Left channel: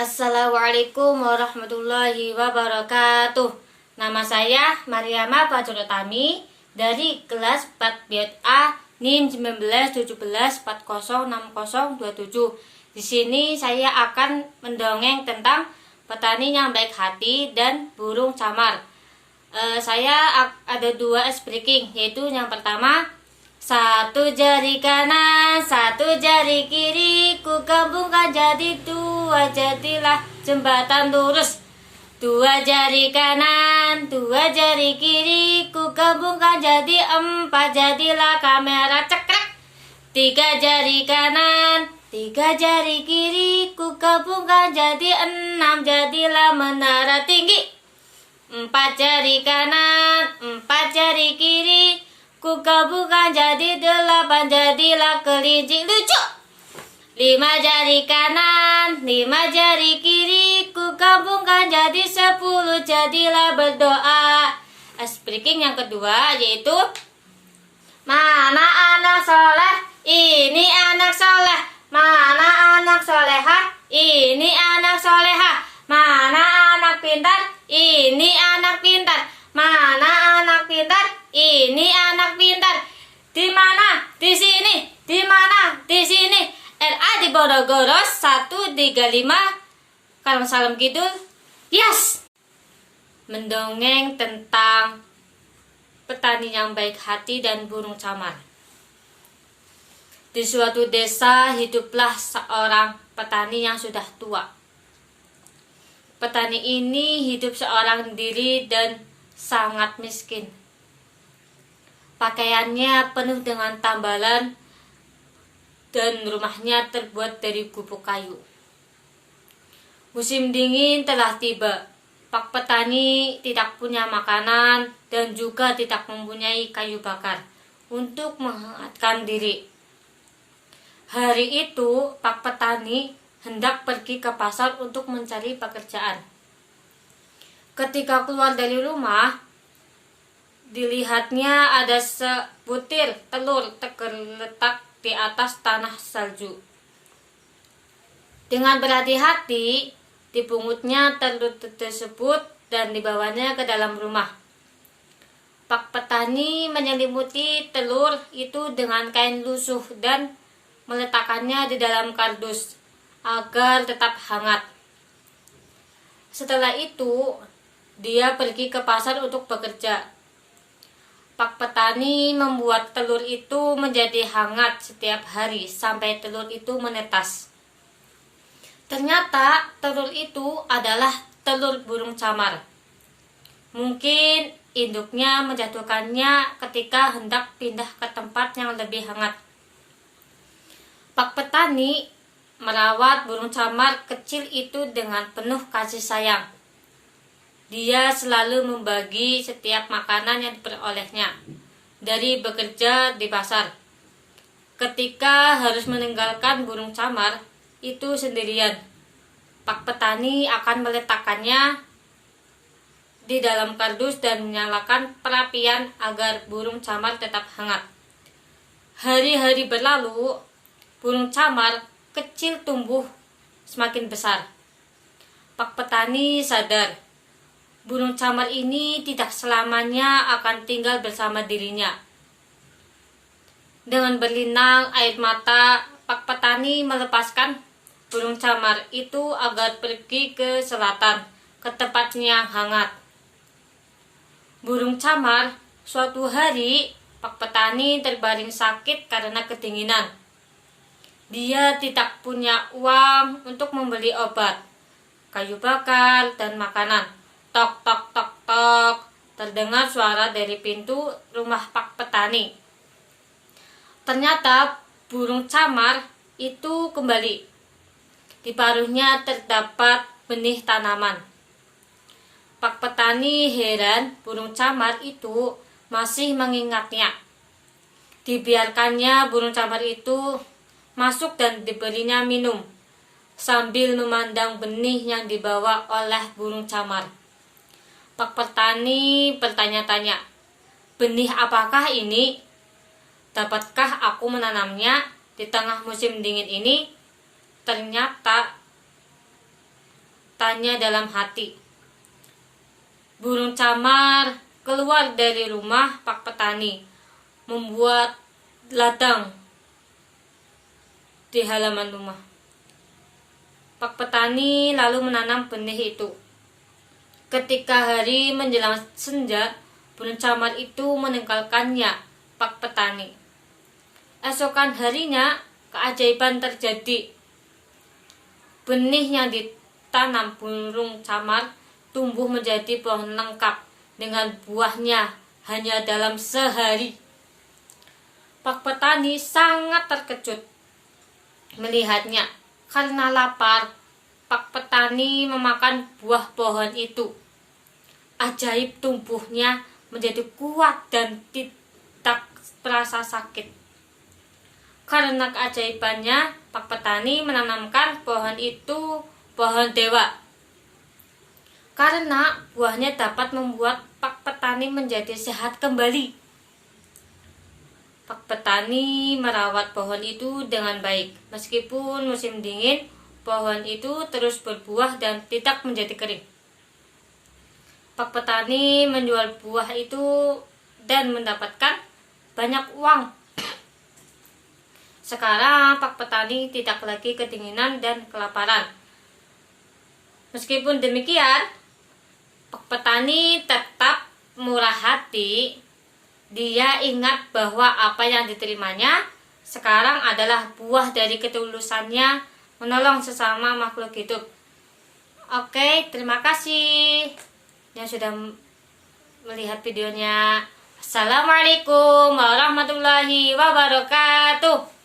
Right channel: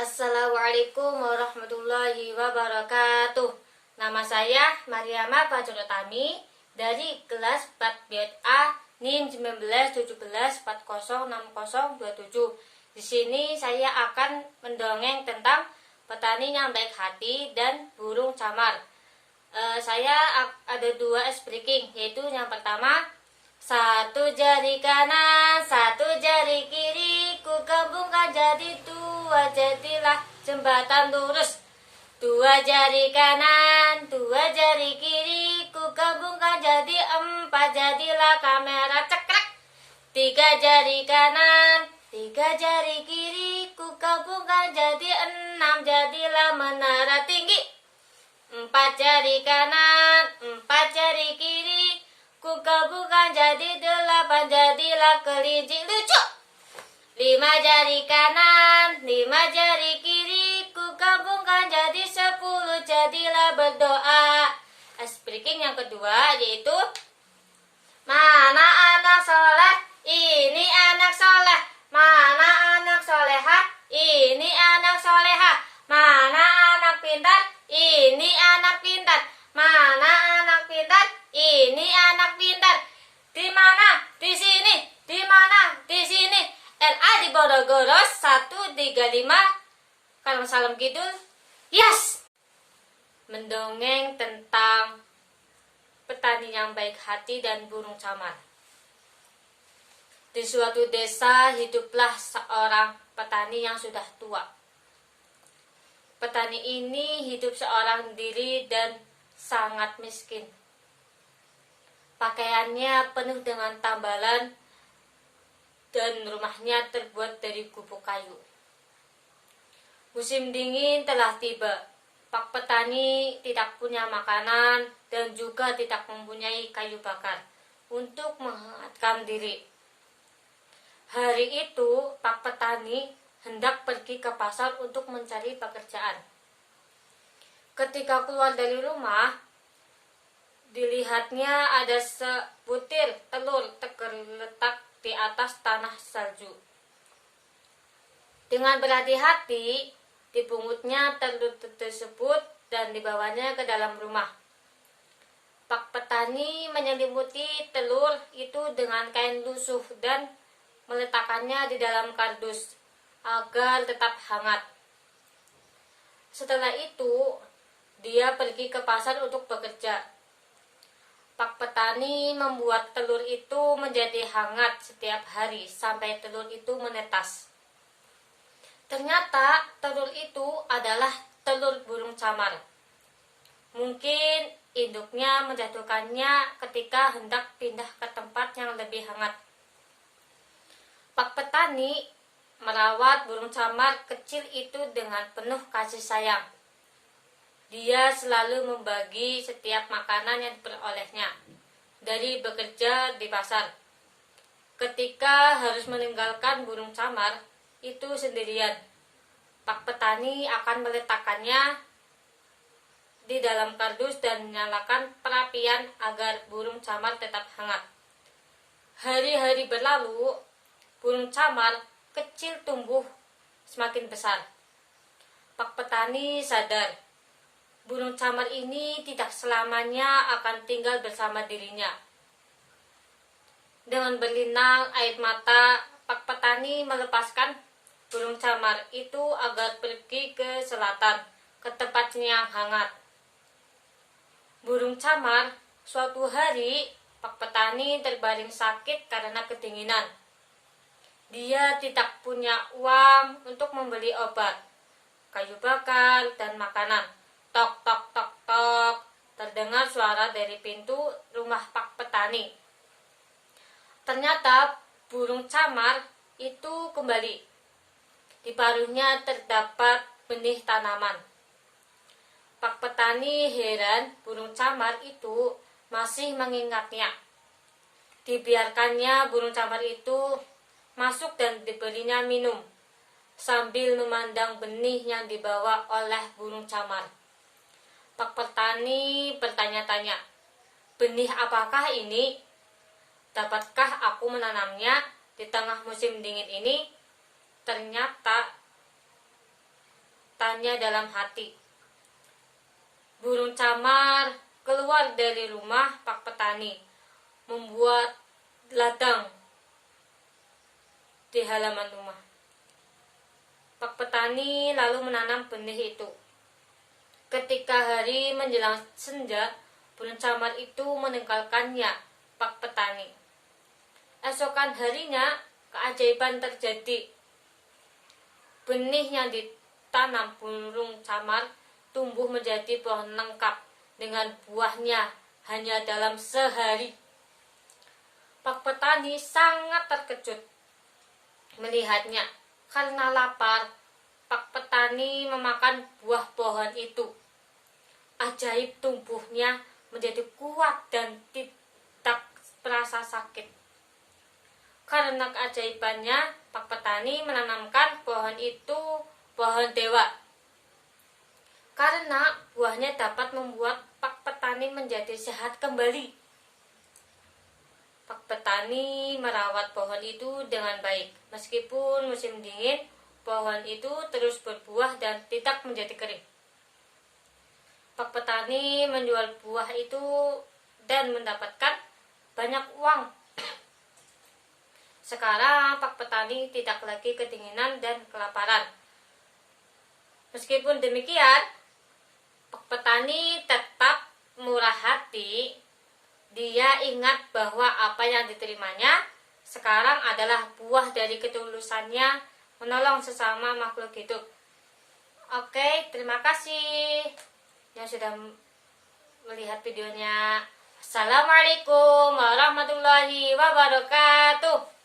Assalamualaikum warahmatullahi wabarakatuh. Nama saya Mariama Fajrotami dari kelas 4 Biot A NIM 1917406027. Di sini saya akan mendongeng tentang petani yang baik hati dan burung camar. Saya ada dua speaking, yaitu yang pertama, satu jari kanan, satu jari kiri, ku gabungkan jadi dua, jadilah jembatan lurus. Dua jari kanan, dua jari kiri, ku gabungkan jadi empat, jadilah kamera cekrek. Tiga jari kanan, tiga jari kiri, ku gabungkan jadi enam, jadilah menara tinggi. Empat jari kanan, empat jari kiri, ku gabungkan jadi delapan, jadilah kelinci lucu. Lima jari kanan, lima jari kiri, ku gabungkan jadi 10, jadilah berdoa. Speaking yang kedua yaitu, mana anak soleh? Ini anak soleh. Mana anak soleha? Ini anak soleha. Mana anak pintar? Ini anak pintar. Mana anak pintar? Ini anak pintar. Di mana? Di sini. Di mana? Di sini. RA di Borogoro 135. Kalau salam kidul. Yes. Mendongeng tentang petani yang baik hati dan burung camar. Di suatu desa hiduplah seorang petani yang sudah tua. Petani ini hidup seorang diri dan sangat miskin. Pakaiannya penuh dengan tambalan dan rumahnya terbuat dari gubuk kayu. Musim dingin telah tiba. Pak petani tidak punya makanan dan juga tidak mempunyai kayu bakar untuk menghangatkan diri. Hari itu Pak petani hendak pergi ke pasar untuk mencari pekerjaan. Ketika keluar dari rumah, dilihatnya ada sebutir telur tergeletak di atas tanah salju. Dengan berhati-hati, dibungutnya telur tersebut dan dibawanya ke dalam rumah. Pak petani menyelimuti telur itu dengan kain lusuh dan meletakkannya di dalam kardus agar tetap hangat. Setelah itu, dia pergi ke pasar untuk bekerja. Pak petani membuat telur itu menjadi hangat setiap hari sampai telur itu menetas. Ternyata telur itu adalah telur burung camar. Mungkin induknya menjatuhkannya ketika hendak pindah ke tempat yang lebih hangat. Pak petani merawat burung camar kecil itu dengan penuh kasih sayang. Dia selalu membagi setiap makanan yang diperolehnya dari bekerja di pasar. Ketika harus meninggalkan burung camar itu sendirian, Pak petani akan meletakkannya di dalam kardus dan menyalakan perapian agar burung camar tetap hangat. Hari-hari berlalu, burung camar kecil tumbuh semakin besar. Pak petani sadar burung camar ini tidak selamanya akan tinggal bersama dirinya. Dengan berlinang air mata, Pak petani melepaskan burung camar itu agar pergi ke selatan, ke tempat yang hangat. Burung camar suatu hari, Pak petani terbaring sakit karena kedinginan. Dia tidak punya uang untuk membeli obat, kayu bakar, dan makanan. Tok, tok, tok, tok. Terdengar suara dari pintu rumah Pak petani. Ternyata burung camar itu kembali. Di paruhnya terdapat benih tanaman. Pak petani heran burung camar itu masih mengingatnya. Dibiarkannya burung camar itu masuk dan diberinya minum sambil memandang benih yang dibawa oleh burung camar. Pak petani bertanya-tanya, benih apakah ini? Dapatkah aku menanamnya di tengah musim dingin ini? Ternyata tanya dalam hati. Burung camar keluar dari rumah Pak Petani, membuat ladang di halaman rumah. Pak Petani lalu menanam benih itu. Ketika hari menjelang senja, burung camar itu meninggalkannya Pak Petani. Esokan harinya, keajaiban terjadi. Benih yang ditanam burung camar tumbuh menjadi pohon lengkap dengan buahnya hanya dalam sehari. Pak Petani sangat terkejut melihatnya. Karena lapar, Pak Petani memakan buah pohon itu. Ajaib, tumbuhnya menjadi kuat dan tidak terasa sakit. Karena keajaibannya, Pak Petani menanamkan pohon itu pohon dewa. Karena buahnya dapat membuat Pak Petani menjadi sehat kembali. Pak Petani merawat pohon itu dengan baik. Meskipun musim dingin, pohon itu terus berbuah dan tidak menjadi kering. Pak Petani menjual buah itu dan mendapatkan banyak uang. Sekarang Pak Petani tidak lagi kedinginan dan kelaparan. Meskipun demikian, Pak Petani tetap murah hati. Dia ingat bahwa apa yang diterimanya sekarang adalah buah dari ketulusannya menolong sesama makhluk hidup. Oke, terima kasih yang sudah melihat videonya. Assalamualaikum warahmatullahi wabarakatuh.